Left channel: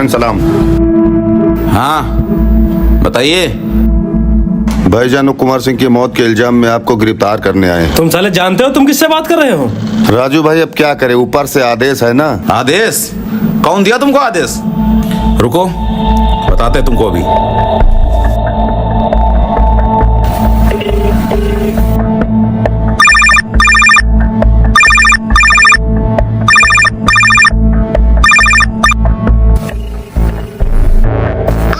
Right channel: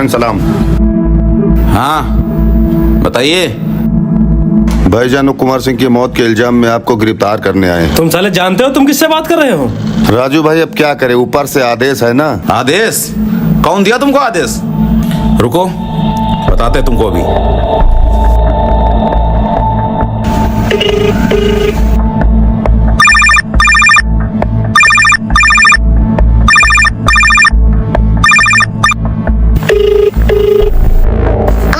भाईजान सलाम। हाँ बताइए। भाईजान वो कुमार सिंह की मौत के इल्जाम में आपको गिरफ्तार करने आए हैं। तुम साले जानते हो तुम किससे बात कर रहे हो? राजू भाई अब क्या करे, ऊपर से आदेश है ना। आदेश? कौन दिया तुमको आदेश? रुको बताते हैं तुमको अभी।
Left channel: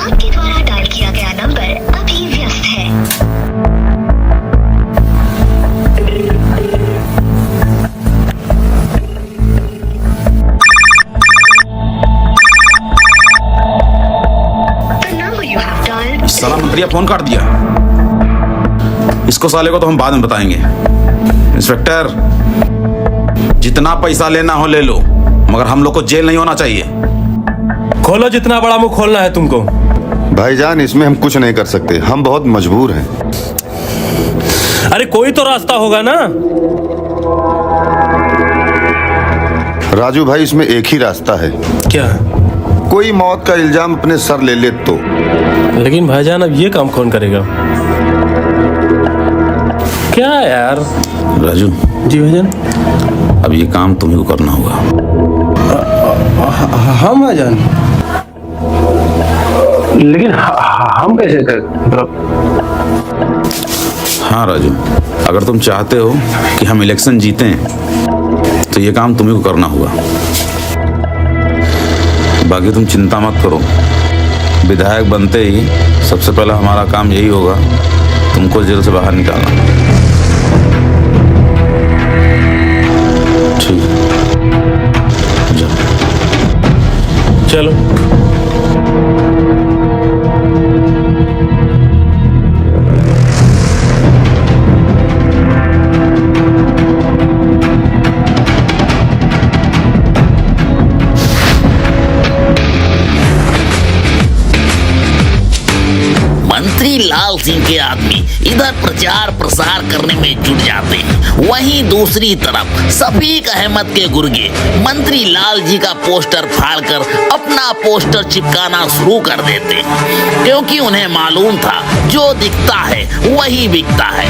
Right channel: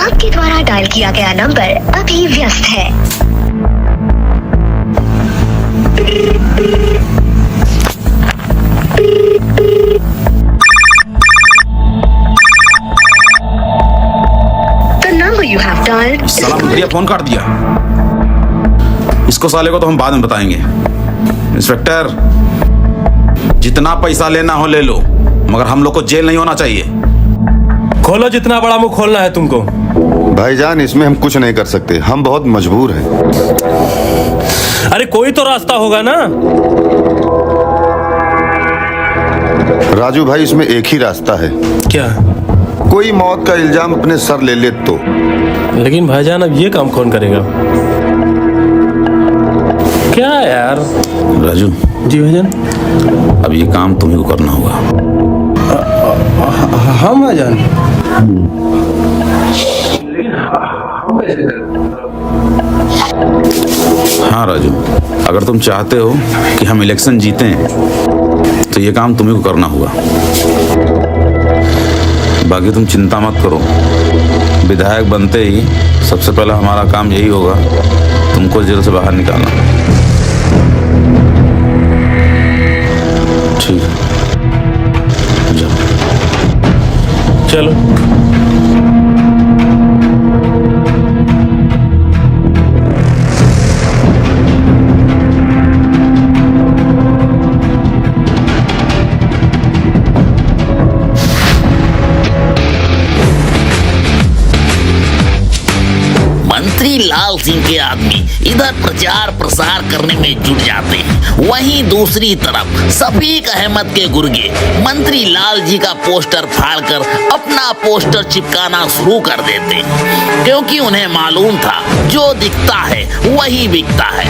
आपके द्वारा डायल किया गया नंबर अभी व्यस्त है। The number you have dialed साला मंत्रिया फोन काट दिया। इसको साले को तो हम बाद में बताएंगे। इंस्पेक्टर, जितना पैसा लेना हो ले लो, मगर हम लोग को जेल नहीं होना चाहिए। खोलो, जितना बड़ा मुंह खोलना है तुमको। भाईजान इसमें हम कुछ नहीं कर सकते, हम बहुत मजबूर हैं। अरे कोई तो रास्ता होगा ना। राजू भाई इसमें एक ही रास्ता है। क्या? कोई मौत का इल्जाम अपने सर ले ले तो। लेकिन भाईजान अब ये काम कौन करेगा? क्या यार? राजू जी भाईजान। अब ये काम तुम्ही को करना होगा। हाँ भाईजान। लेकिन हम कैसे हाँ राजू, अगर तुम चाहते हो कि हम इलेक्शन जीतें तो ये काम तुम्ही को करना होगा। बाकी तुम चिंता मत करो, विधायक बनते ही सबसे पहला हमारा काम यही होगा तुमको जेल से बाहर निकालना। ठीक है, जाओ। चलो। मंत्री लाल सिंह के आदमी इधर प्रचार प्रसार करने में जुट जाते हैं, वहीं दूसरी तरफ शफीक अहमद के गुर्गे मंत्री लाल जी का पोस्टर फाड़कर अपना पोस्टर चिपकाना शुरू कर देते हैं, क्योंकि उन्हें मालूम था जो दिखता है वही बिकता है।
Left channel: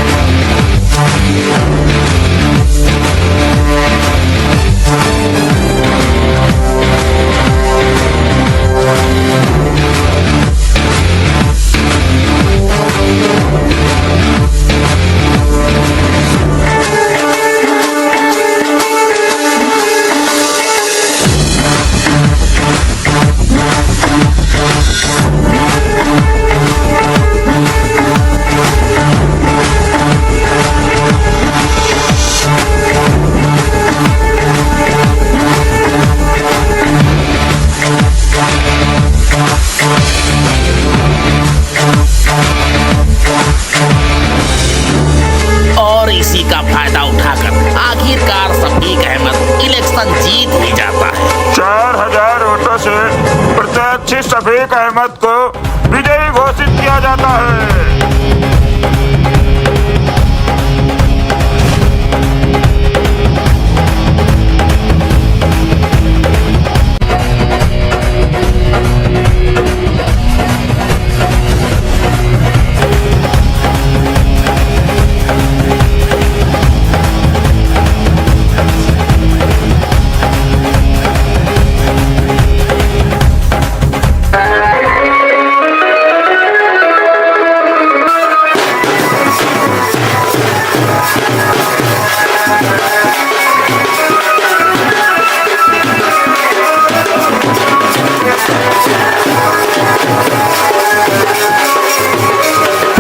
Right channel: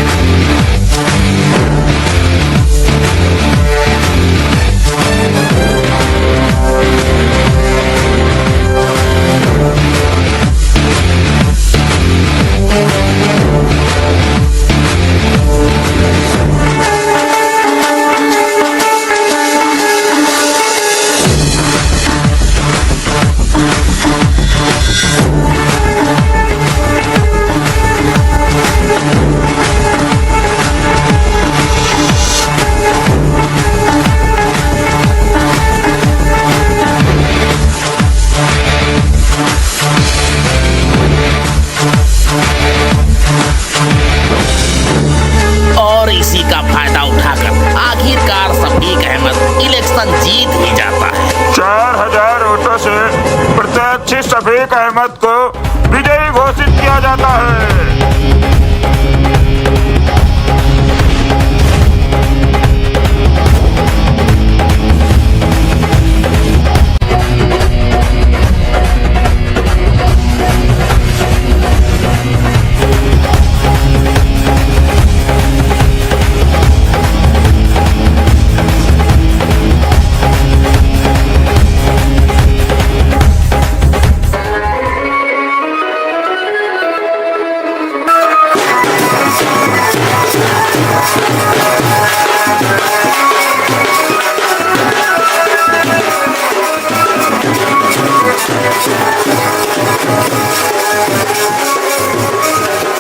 और इसी का फायदा उठाकर आखिरकार शफीक अहमद इलेक्शन जीत ही जाता है। 4000 वोटों से प्रत्याशी शफीक अहमद को विजयी घोषित किया जाता है।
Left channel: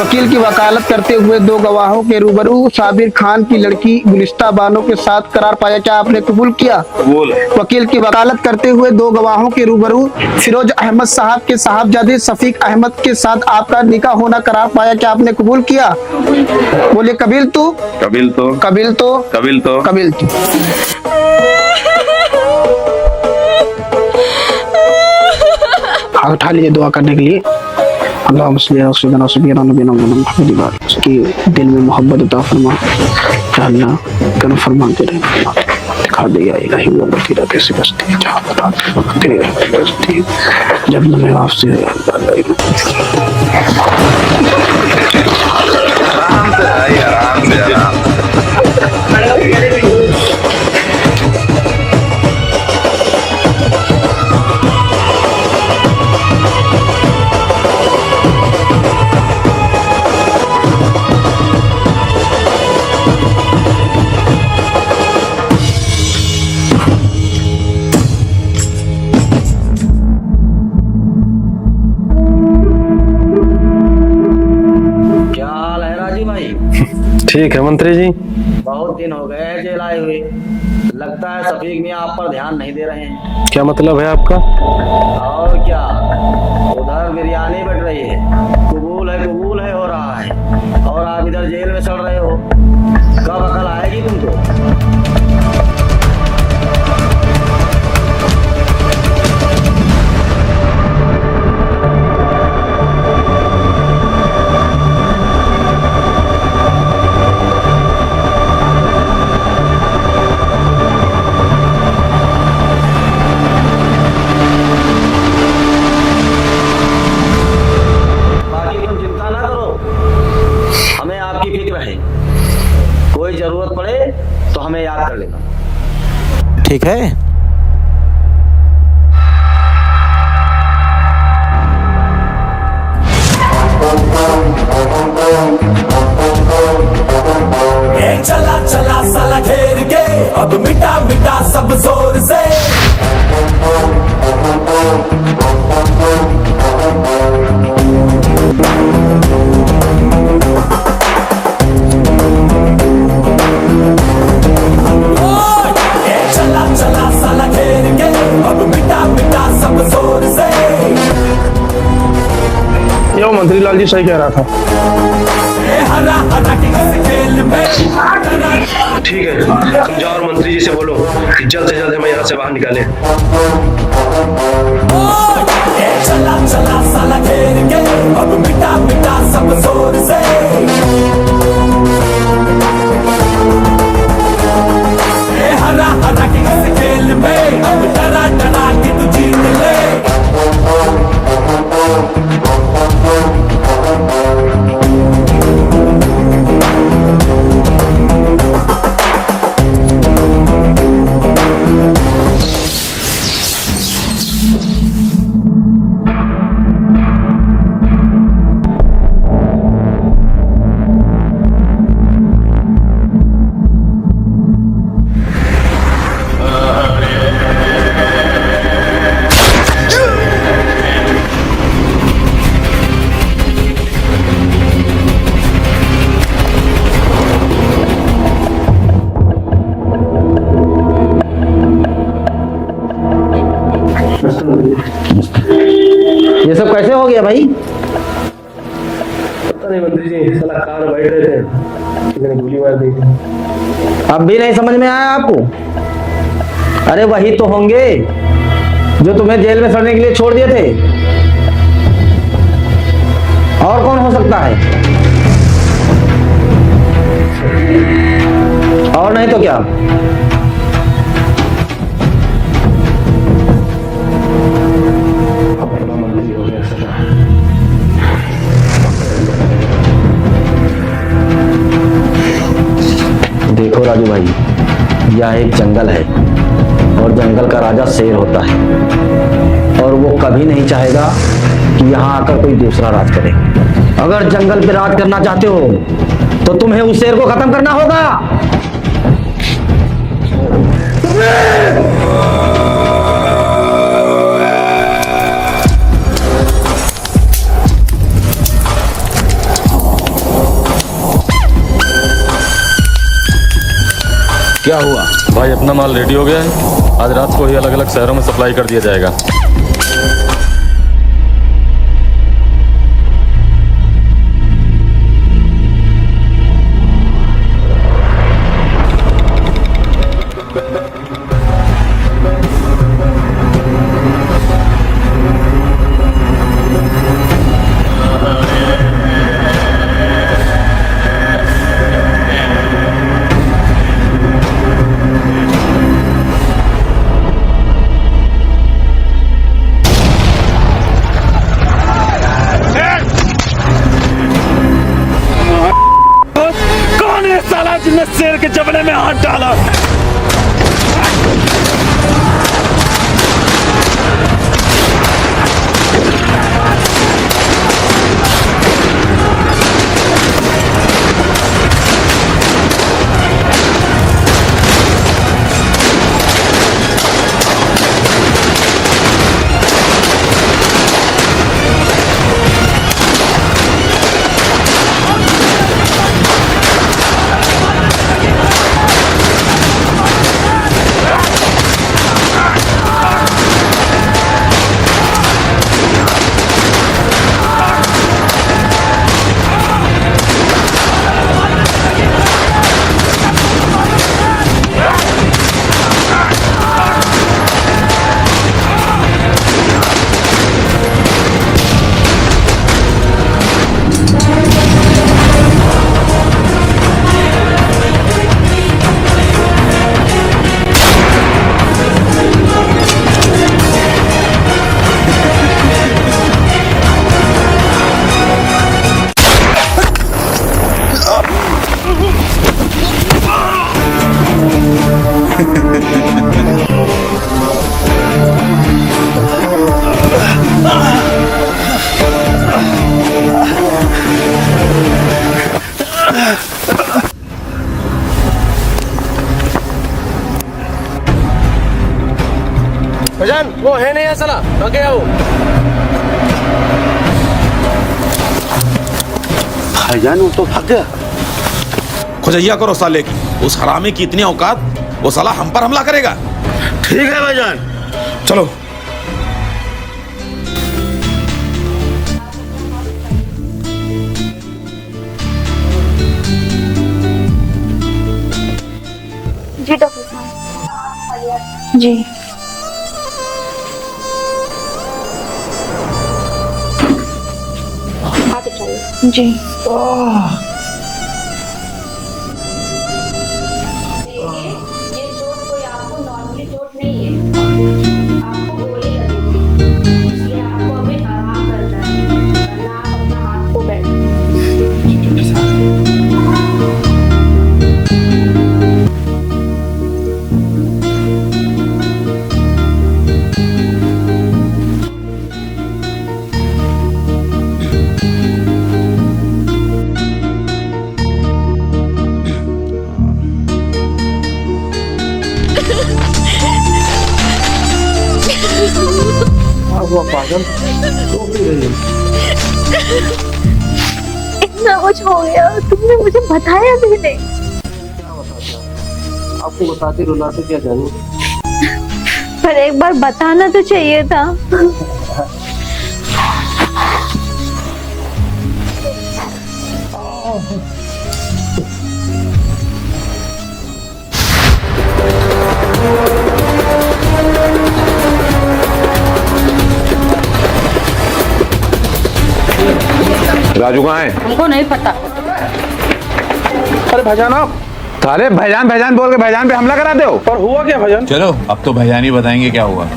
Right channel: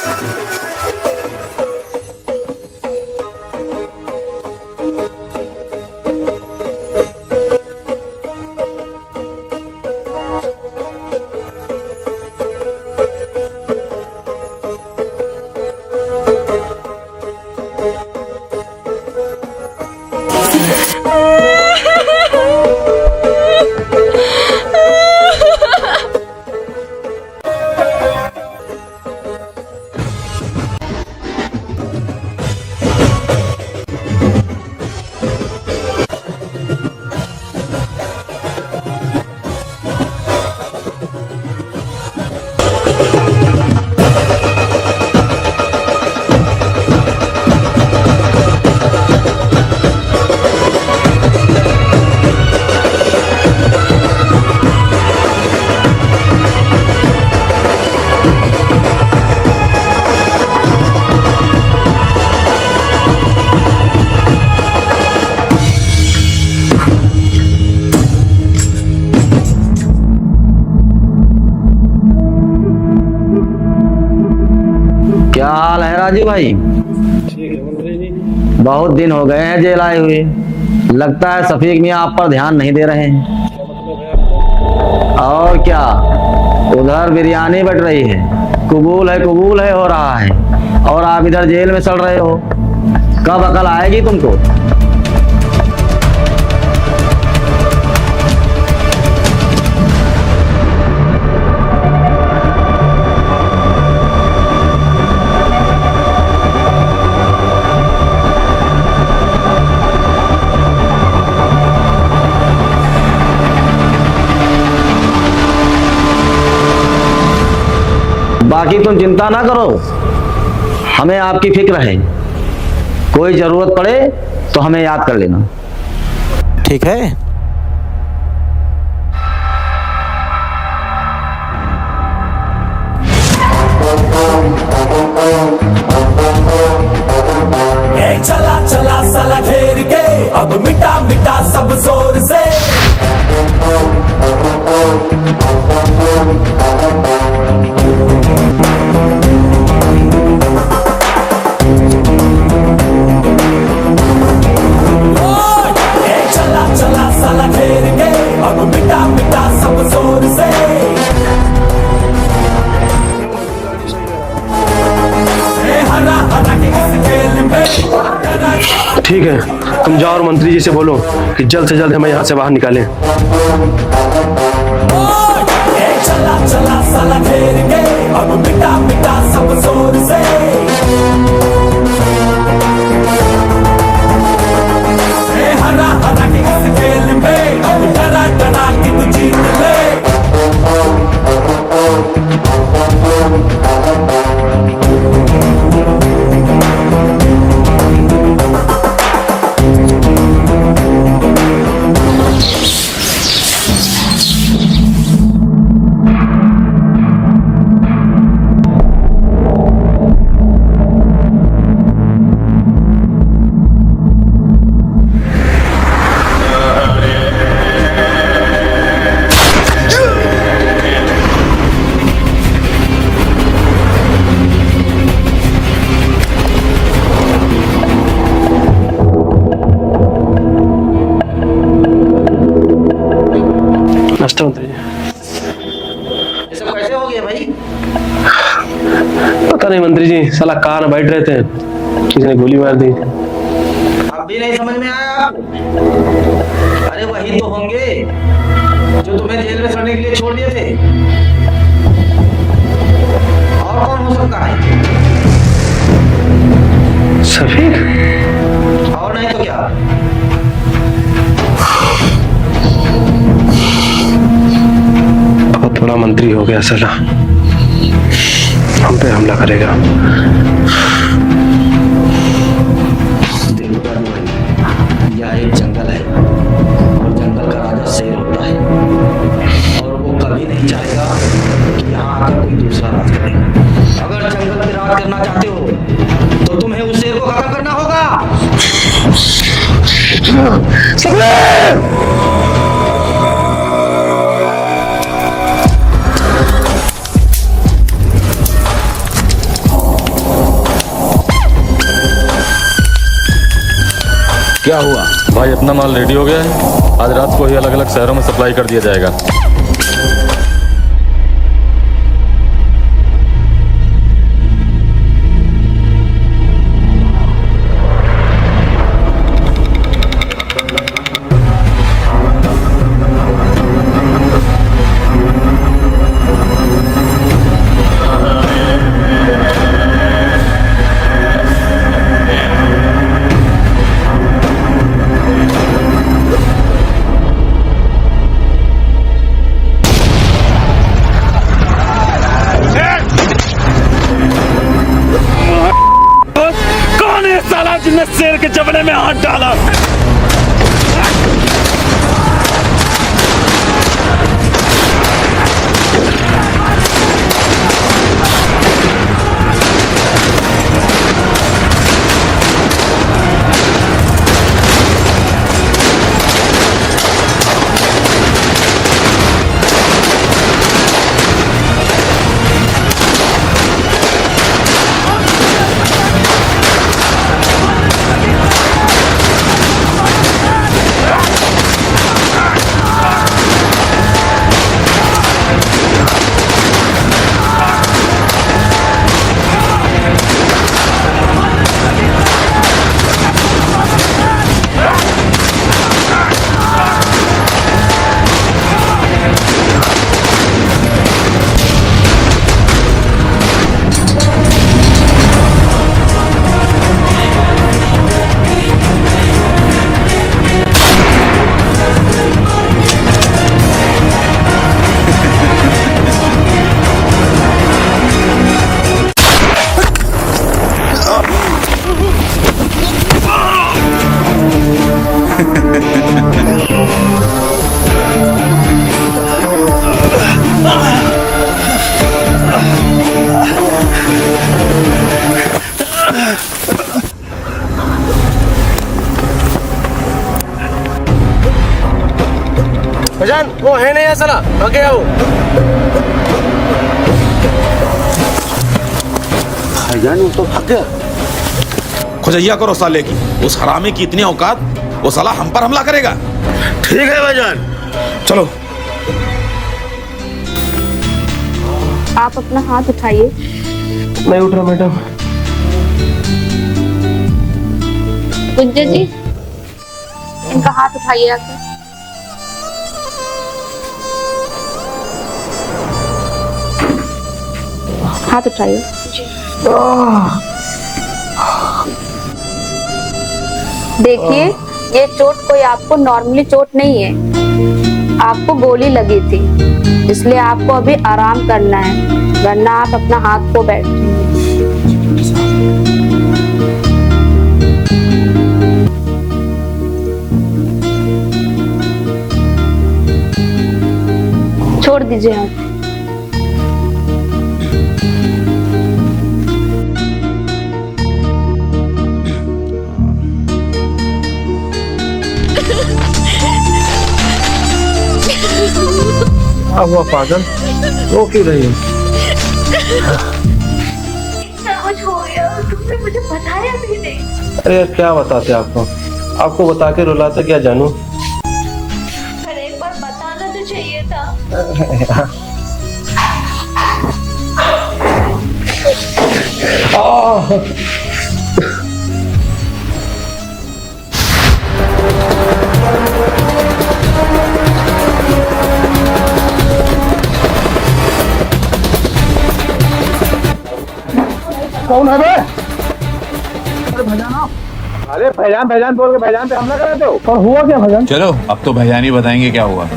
वकील की वकालत करते हुए दो गवाहों के रूबरू साबिर खान की लड़की गुलिस्ता बानो के साथ करार पाया, क्या आपने कबूल किया? वकील की वकालत करते हुए दो गवाहों के रूबरू फिरोज अहमद साहब के साहबजादे शफीक अहमद के साथ आपका निकाह होना करार पाया, क्या आपने कबूल किया? बोले कबील तो कबील तो कबील तो कबील तो कबील तो। उठा लीजिए दुआ करने के लिए। अल्लाह उसकी दिल में मोहब्बत अता फरमा, अल्लाह कर फरमाते रहे। दिखा दिया ही नहीं वो मतीरा कैसी बस्ती है जहाँ तेरा बस्ती जब मैंने आपसे क्या हाल है राजू भाई? ठीक है मंत्री जी। बहुत दिन हो गए हैं जेल आए हुए। लगता है शफीक मियाँ आप पर ध्यान नहीं दे रहे हैं। क्या मतलब है आपका? और क्या, उधर बिरयानी बट रही है, कबूल है हो रहा है, और आप इधर जेल में सड़ रहे हो। कब अकल आएगी तुमको? बाकी तुम चिंता ना करो, हमें आपकी फिक्र है। कोई जरूरत पड़े तो हमें याद कर लेना, ठीक है? चला चला साला घेर के अब मिटा मिटा सब जोर से। चला चला साला घेर के अब मिटा मिटा सब जोर से। यो मंत्री लाल जी सही कह रहा था। हरा हरा के इस खेल में ठीक है, तुम जाओ और मंत्री जी से बोलो कि जल्द से जल्द हमें यहाँ से बाहर निकालें। चला चला साला घेर के अब मिटा मिटा सब जोर से। हरा हरा के इस खेल में अब डरा डरा के तू जीत ले। ये सब कैसे हो गया भाई? पता नहीं मंत्री जी, साला कार में बैठ रहे थे, किसी ने गोली मार दी। अब भी नहीं समझ में आया आपको? अरे वही तो होंगे जो तुम्हें जेल में सड़ने के लिए छोड़ दिए थे। और कौन हो सकता है? शफीक? और नहीं तो क्या? बहुत बड़ा मंत्री हो गया साला, हम पे हमला करेगा। देखो राजू भाई, यह एक जंगल है और जंगल का राजा शेर होता है, और वो कभी नहीं चाहेगा कि यहाँ आकर कोई दूसरा राज करे। अगर जंगल पे राज करना चाहते हो तो तुम्हें उस शेर को खत्म करना होगा। क्या हुआ भाई? अपना माल रेडी हो गया है, आज रात को ही अलग अलग शहरों में सप्लाई कर दिया जाएगा। तूने शेर के जबड़े में हाथ डाला। भजन वो है नहीं साला, भाग गया वो। भाईजान वो तो भाग गया। खुजैया करो साले की, उस हरामी की इतनी औकात, वो साला हम पर हमला करेगा। ठीक है भाईजान, चलो। आप अपना हाथ उठाइए। मैं उठ रहा मैडम। गुंजन जी। जी डॉक्टर साहब, इनका हाथ उठाइए आप। जी। हाथ उठाइए। जी। देखिए, ये चोट कोई आपको नॉर्मली चोट नहीं है, आपको गोली लगी थी, इसलिए आपको अभी आराम करना है, वरना आप अपना हाथ को बैठ। छोड़ दीजिए आप। अब वो पागल वो क्यों रही है? इतना कुछ हो गया, तुमने मुझे बताया भी नहीं। अरे यार क्या बताते आपको, आपको बता के रुलाते क्या जानू। पर एक बार बताना तो चाहिए था। राजू कहाँ है? हमको नहीं पता। कौन है बे? अरे भैजान आप साले भैजान भैजान बोल के भैजान पे हमला करा दो। और हुआ क्या भैजान? चलो अब तो भैजान ही बताएंगे क्या हुआ।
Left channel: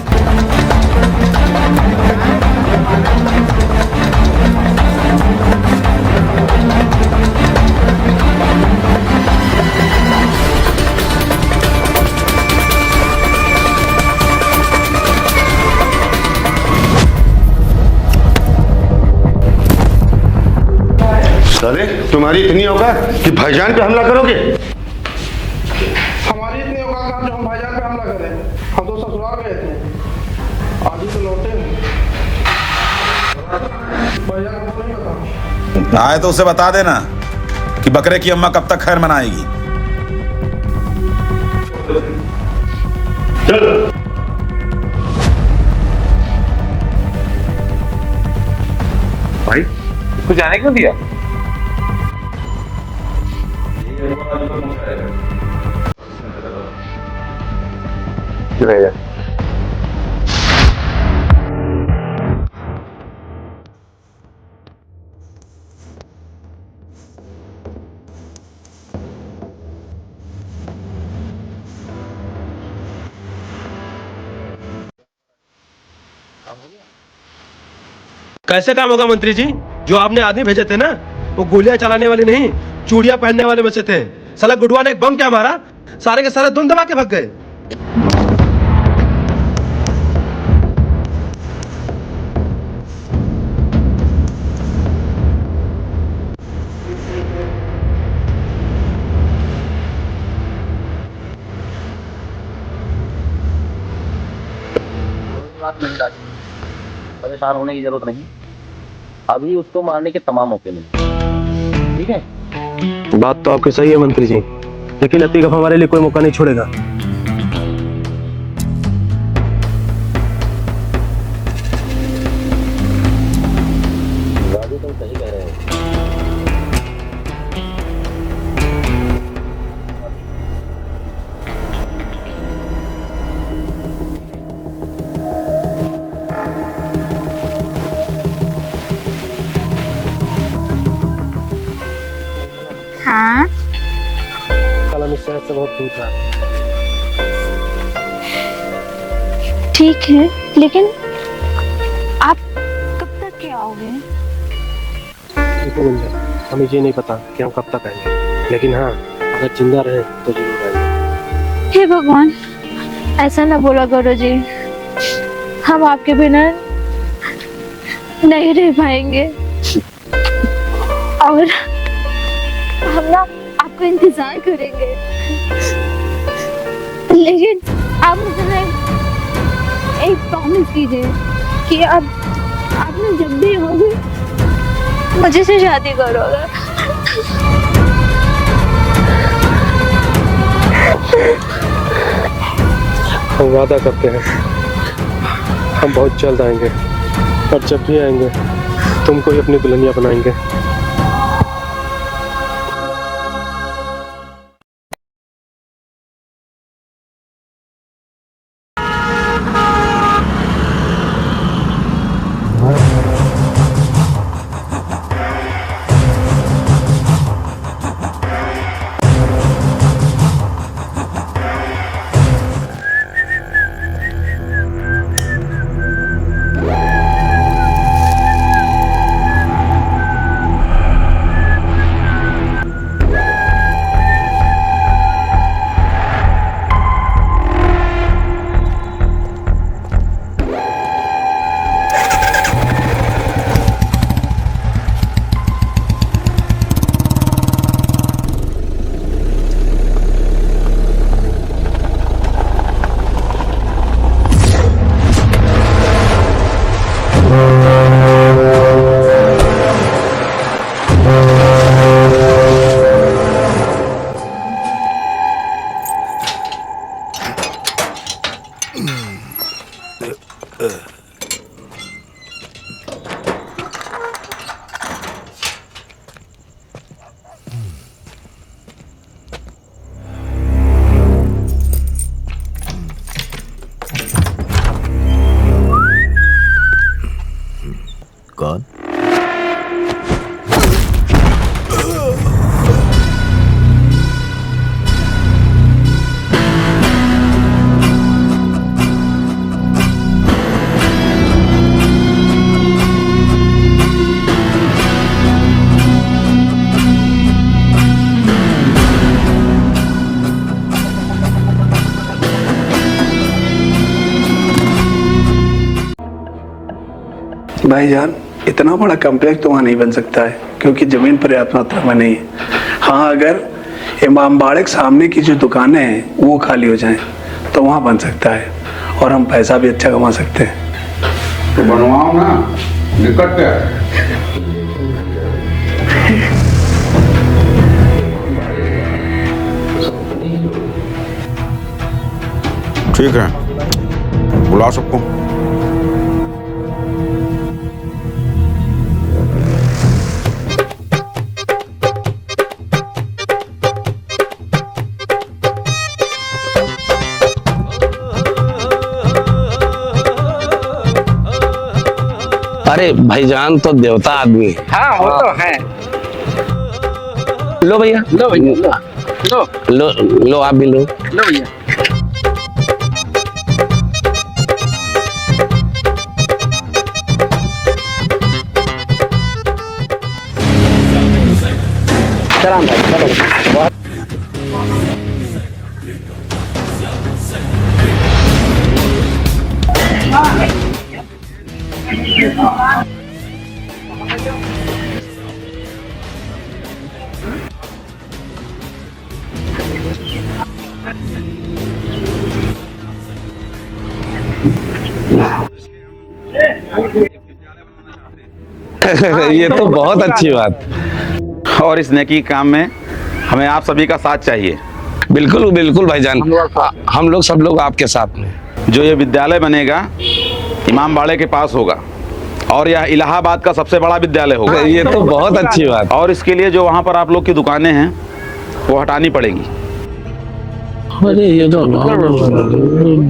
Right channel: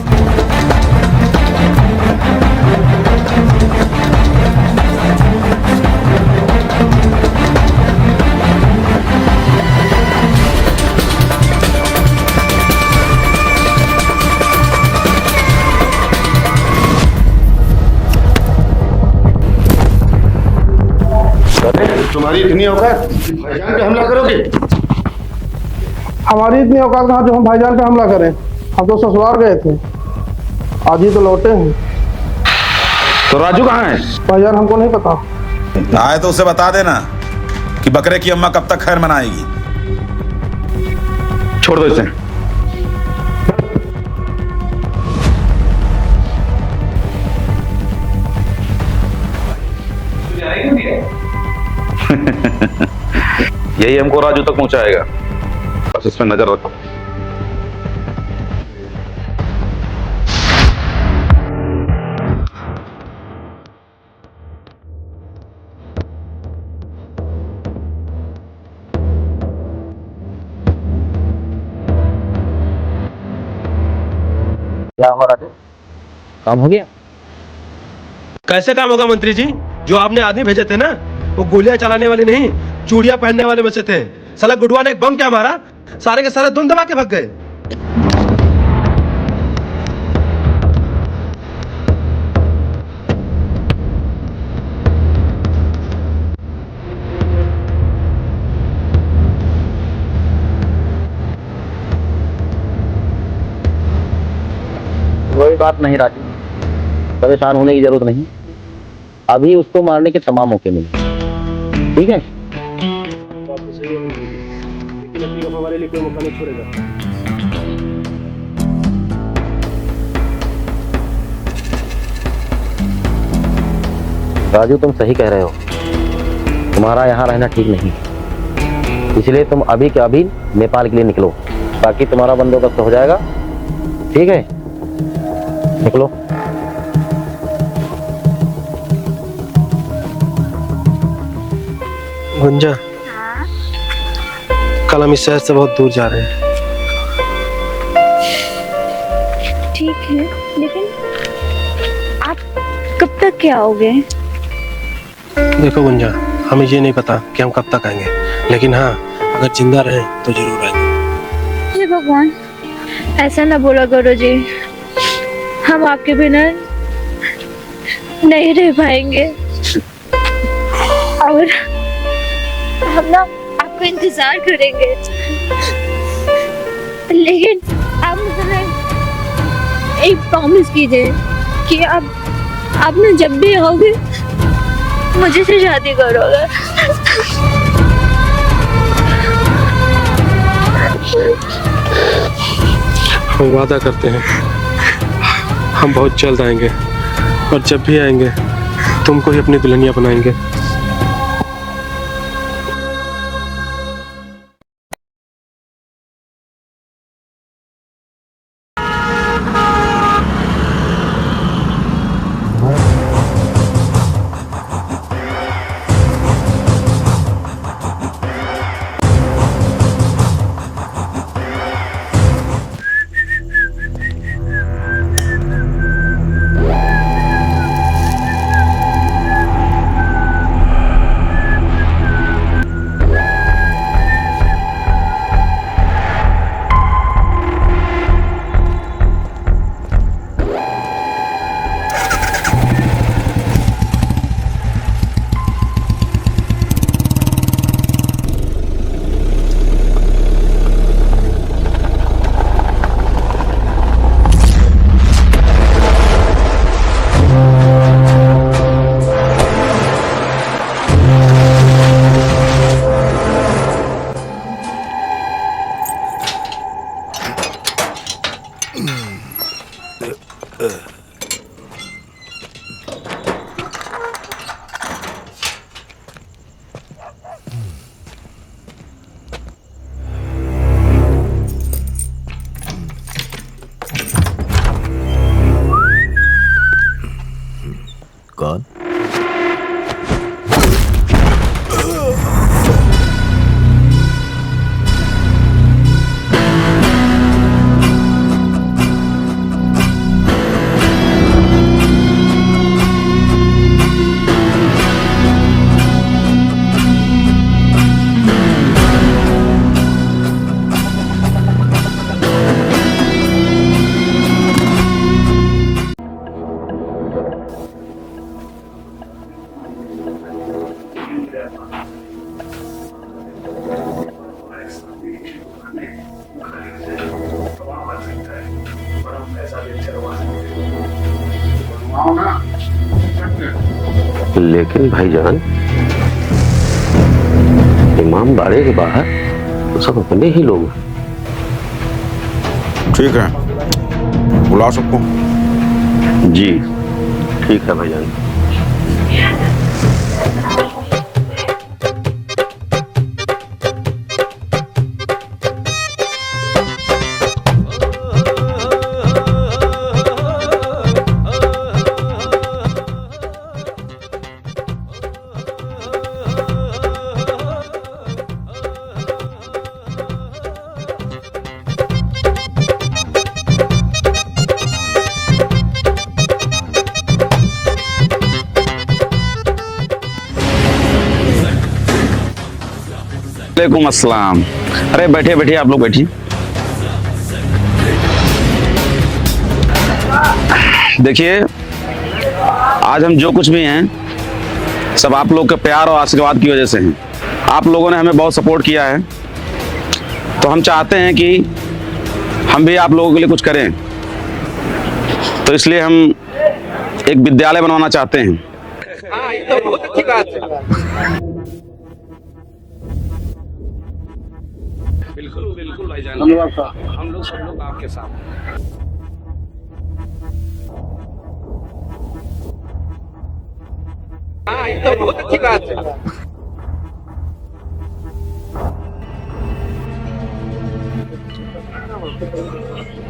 तुम्हारी इतनी औकात कि भाईजान पे हमला करोगे? हमारी इतनी औकात कहाँ जो हम भाईजान पे हमला करें? हम तो ससुराल गए थे, आज ही तो लौटे हैं। तो राजू कहाँ है? भाईजान हमको नहीं पता। आए तो उसे बता देना कि बकरे की अम्मा कब तक खैर मनाएगी। छोड़ दो इसे। चल। भाई तू जाने क्यों दिया? यही हमको राजू तक पहुंचाएगा, बस इसमें नजर रखो। रहेगा। क्या हो रहा है? काम हो गया? कैसे काम होगा मंत्री जी? जो आपने आदमी भेजे थे ना, वो गोलियां चलाने वाले नहीं, चूड़ियां पहनने वाले बचे थे। साला गुडवा ने एक बम क्या मारा, सारे के सारे धुन दबा के भाग गए। कोई बात नहीं राजू, परेशान होने की जरूरत नहीं। अभी उसको मारने के तमाम मौके मिले, ठीक है? बात तो आपकी सही है मंत्री जी, लेकिन अभी अब हमारे लिए कोई मौका नहीं छोड़ेगा। राजू तुम सही कह रहे हो, तुम्हारा यहाँ रहना ठीक नहीं, इसलिए तुम अभी के अभी नेपाल के लिए निकलो, ताकि तुम्हारा बंदोबस्त हो जाएगा। ठीक है, निकलो। गुंजा, हाँ कल हम इस शहर से बहुत दूर जा रहे हैं। ठीक है, लेकिन आप कब तक के आओगे? देखो गुंजा, हमें ये नहीं पता कि हम कब तक आएंगे, लेकिन हाँ, अगर जिंदा रहे तो जरूर आएंगे। हे भगवान, ऐसा ना बोला करो जी, हम आपके बिना नहीं रह पाएंगे और हम ना आपको इंतजार करेंगे, लेकिन आप मुझे एक प्रॉमिस कीजिए कि आप ना जब भी आओगे मुझे से शादी करोगे। हम वादा करते हैं, हम बहुत जल्द आएंगे और जब भी आएंगे तुमको ही अपनी दुल्हनिया बनाएंगे। कौन? भाईजान, इतना बड़ा कॉम्प्लेक्स तो वहाँ नहीं बन सकता है, क्योंकि जमीन पर्याप्त मात्रा में नहीं है। हाँ, अगर इमामबाड़े के सामने की जो दुकानें हैं वो खाली हो जाएं तो वहाँ बन सकता है और हम पैसा भी अच्छा कमा सकते हैं। तो बनवाओ ना, दिक्कत क्या है? लेकिन भाईजान, इमामबाड़े के बाहर सब अपने ही लोग। ठीक है, बुला सबको। जी ठीक है भाईजान। अरे भाईजान तो देवता आदमी। हाँ वो तो है। लो भैया, लो भैया, लो लो आप भी लो। लो भैया। चलो भाई, चलो। वालेकुम अस्सलाम। अरे बैठिए बैठिए, आप लोग बैठिए। देखिए, आज हम जो कुछ भी हैं सब आप लोग के प्यार और आशीर्वाद की वजह से हैं। आप लोगों ने हमें बहुत सपोर्ट किया है, तो हम चाहते हैं कि हम भी आप लोगों के लिए कुछ करें। तो इसलिए हम एक विद्यालय बनवाना चाहते हैं। ये तो बहुत अच्छी बात। और इस नेकी काम में हमें आप सभी का साथ चाहिए। बिल्कुल बिल्कुल भाईजान, हम लोग सब लोग आपके साथ हैं। जो ये विद्यालय बनेगा इमामबाड़े के पास होगा और यह इलाहाबाद का सबसे बड़ा विद्यालय होगा। ये तो बहुत अच्छी बात। और इसके लिए जो वहाँ पर आप लोग की दुकानें हैं वो हटानी पड़ेंगी। अरे ये तो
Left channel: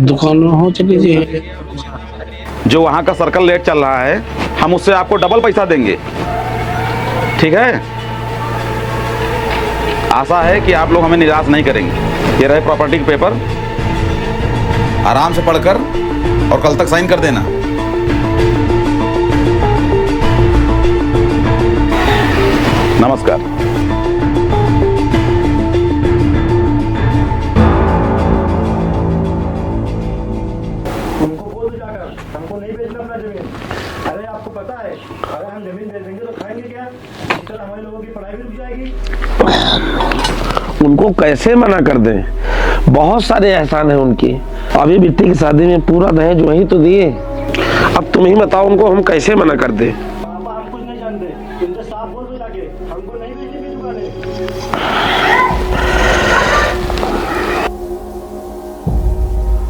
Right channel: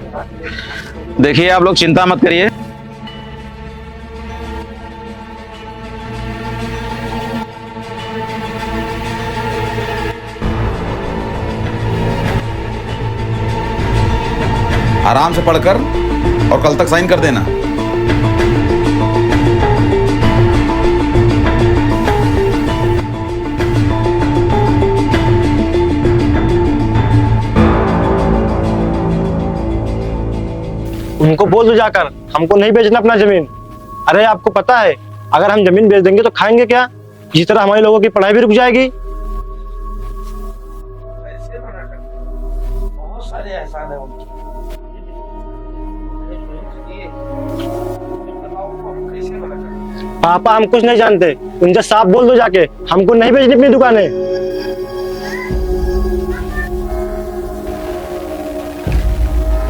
दुकान में हो चुकी जी। देखिए, आप लोग चिंता मत करिए, जो वहाँ का सर्कल रेट चल रहा है हम उससे आपको डबल पैसा देंगे, ठीक है? आशा है कि आप लोग हमें निराश नहीं करेंगे। ये रहे प्रॉपर्टी के पेपर, आराम से पढ़कर और कल तक साइन कर देना। नमस्कार। हमको बोल दो जाकर, हमको नहीं बेचना अपना जमीन। अरे आपको पता है अगर हम जमीन बेच देंगे तो खाएंगे क्या? जिस तरह हमारे लोगों की पढ़ाई भी रुक जाएगी। उनको कैसे मना कर दें? बहुत सारे एहसान हैं उनके। अभी बिट्टी की शादी में पूरा दहेज वही तो दिए। अब तुम ही बताओ उनको हम कैसे मना कर दे? पापा हम कुछ नहीं जानते, उनसे साफ बोल दो जाके, हमको नहीं बेचनी अपनी दुकानें।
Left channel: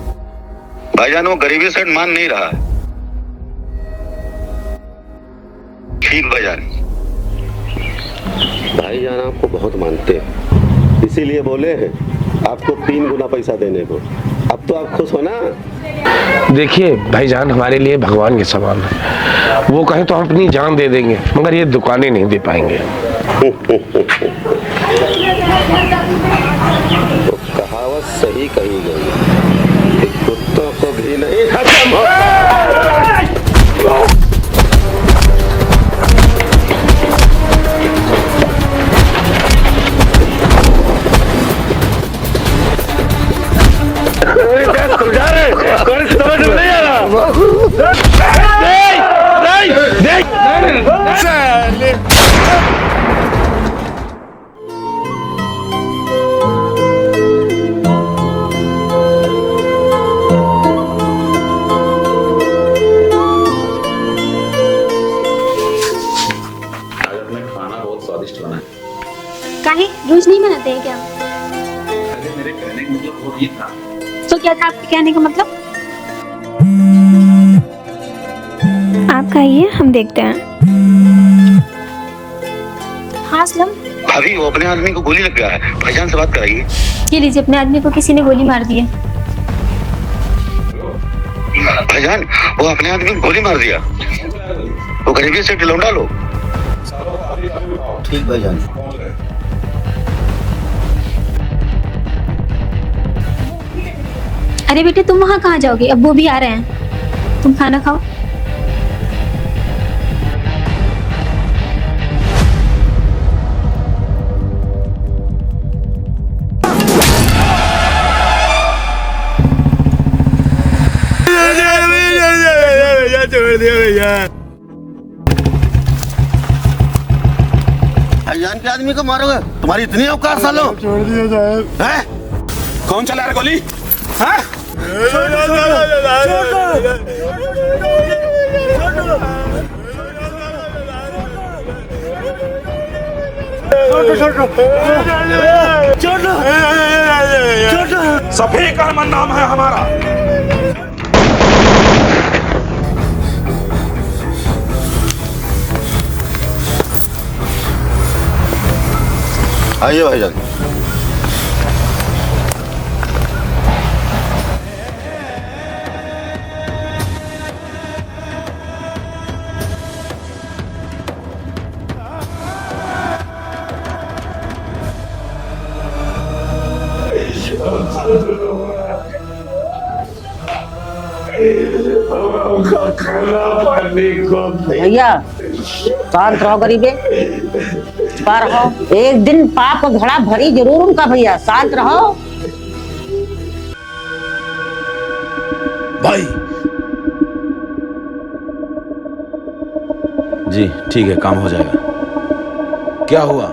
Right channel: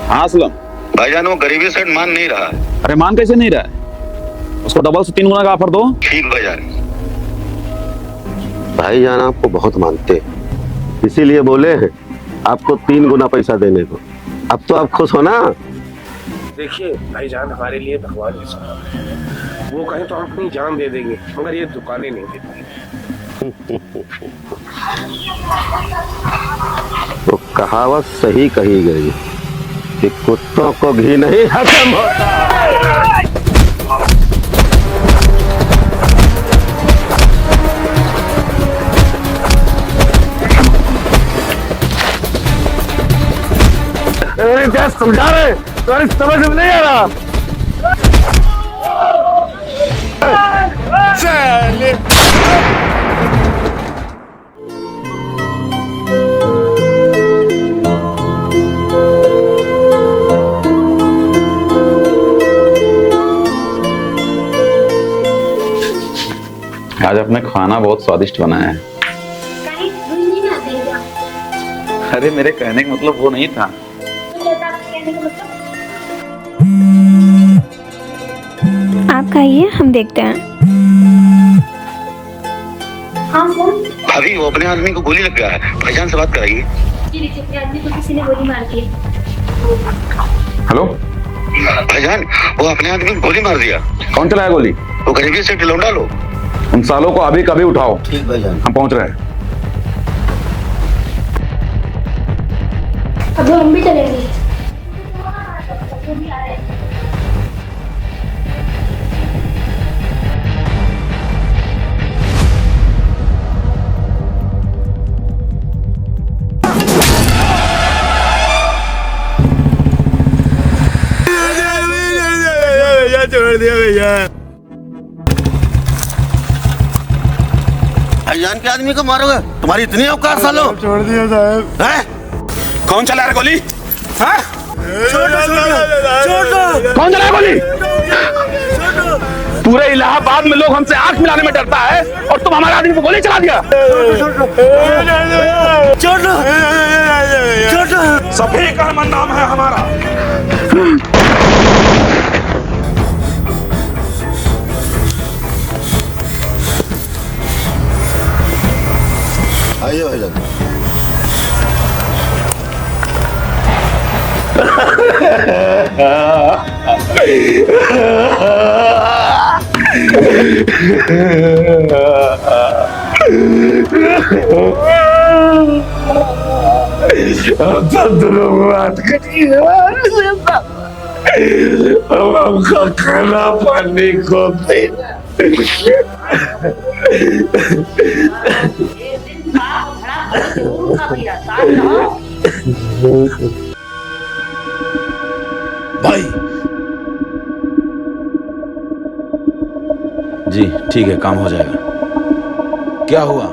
हाँ असलम भाईजान, वो गरीबी सेट मान नहीं रहा है। अरे मान कैसे नहीं रहा है? उसको डबल से 3 गुना का ऑफर दो। ठीक भाईजान। भाईजान आपको बहुत मानते हैं, इसीलिए बोले हैं आपको 3 गुना पैसा देने को। अब तो आप खुश हो ना? देखिए भाईजान, हमारे लिए भगवान के समान है। वो कहें तो हम अपनी जान दे देंगे, मगर ये दुकानें नहीं दे पाएंगे। तो कहावत सही कही गई कि कुत्तों को भी नहीं खत्म होता। समझा रहे कौन समझ नहीं आ रहा। आज अपने खाना बहुत स्वादिष्ट बनाया है। काहे रोज नहीं बनाते हैं क्या? अरे मेरे कहने का मतलब वो नहीं था। तो क्या था आपके कहने का मतलब? आप खाइए, हम देखते हैं। हाँ सलम, अभी वो अपने आदमी को गोली लग गया है, भाईजान से बात कराइए। ये लीजिए, अपने आदमी को किसी ने गोली मार दी है। हेलो भाईजान, वो अपने आदमी को गोली मार दिया। कौन चलाया गोली? वो गरीबी से लौंडा लो। उन सालों को अभी कभी उठाओ। ठीक भाईजान, हम पहुंच रहे हैं। अब हम भी चलेंगे। अरे बेटे, तुम वहाँ कहाँ जाओगे? अब वो भी आ रहे हैं, तुम खाना खाओ। छोड़ दिया भैया। भाईजान के आदमी को मारोगे? तुम्हारी इतनी औकात सालो? छोड़ दिया साहब। हैं? कौन चला रहा गोली? हैं? कौन चला गोली? पूरे इलाहाबाद में लोग हमसे आंख मिलाने में डरता है और तुम हमारे आदमी को गोली चला दिया। सफीक अहमद नाम है हमारा। आइए भाईजान। हम सब दोनों बात करिए। अब हमको खाना पानी को भैया शांत रहो गरीबे, पर हो एक दिन पाप घड़ा भरी जरूर उनका भैया, शांत रहो। भाई जी ठीक है, काम हो जाएगा। क्या हुआ?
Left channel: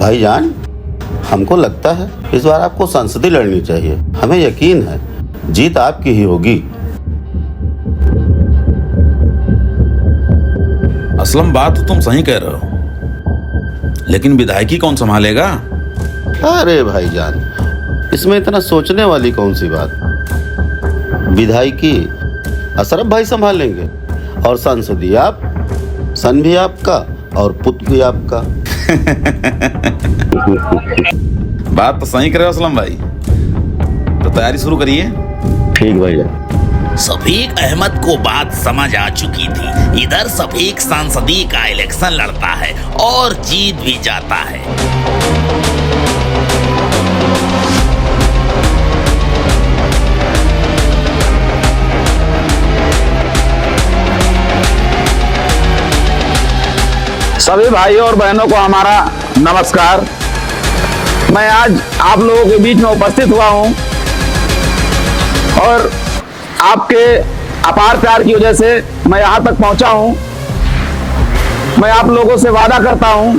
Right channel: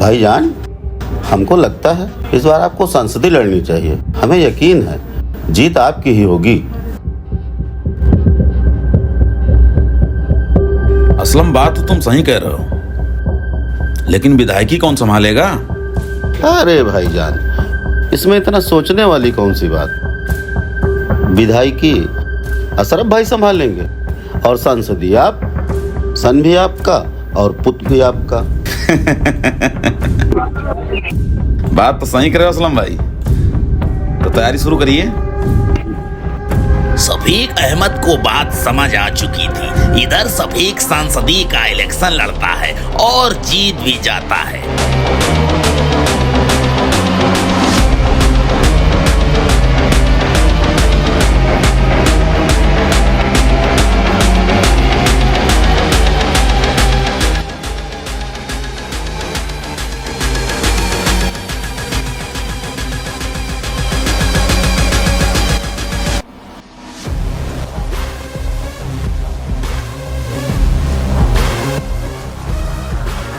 भाईजान, हमको लगता है इस बार आपको संसदीय लड़नी चाहिए। हमें यकीन है जीत आपकी ही होगी। असलम बात तो तुम सही कह रहे हो, लेकिन विधायकी कौन संभालेगा? अरे भाईजान, इसमें इतना सोचने वाली कौन सी बात। विधायकी अशरफ भाई संभाल लेंगे और संसदीय आप, सन भी आपका और पुत्र भी आपका। बात तो सही करे असलम भाई, तो तैयारी शुरू करिए। ठीक भाईजान। सफीक अहमद को बात समझ आ चुकी थी। इधर सफीक संसदीय का इलेक्शन लड़ता है और जीत भी जाता है। सभी भाइयों और बहनों को हमारा नमस्कार। मैं आज आप लोगों के बीच में उपस्थित हुआ हूं और आपके अपार प्यार की वजह से मैं यहां तक पहुंचा हूं। मैं आप लोगों से वादा करता हूं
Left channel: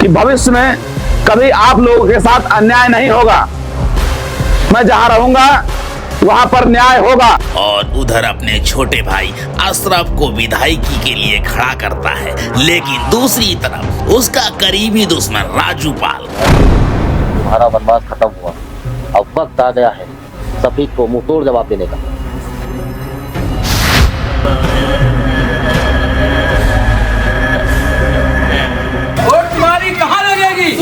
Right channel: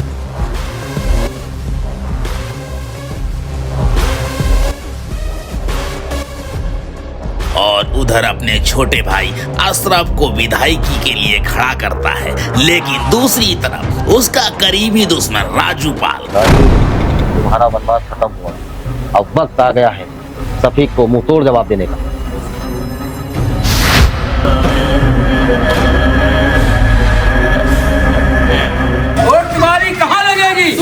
कि भविष्य में कभी आप लोगों के साथ अन्याय नहीं होगा। मैं जहां रहूंगा वहां पर न्याय होगा। और उधर अपने छोटे भाई अशरफ को विधायकी के लिए खड़ा करता है, लेकिन दूसरी तरफ उसका करीबी दुश्मन राजू पाल। बर्बाद खत्म हुआ, अब वक्त आ गया है सफीक को मुंह तोड़ जवाब देने का।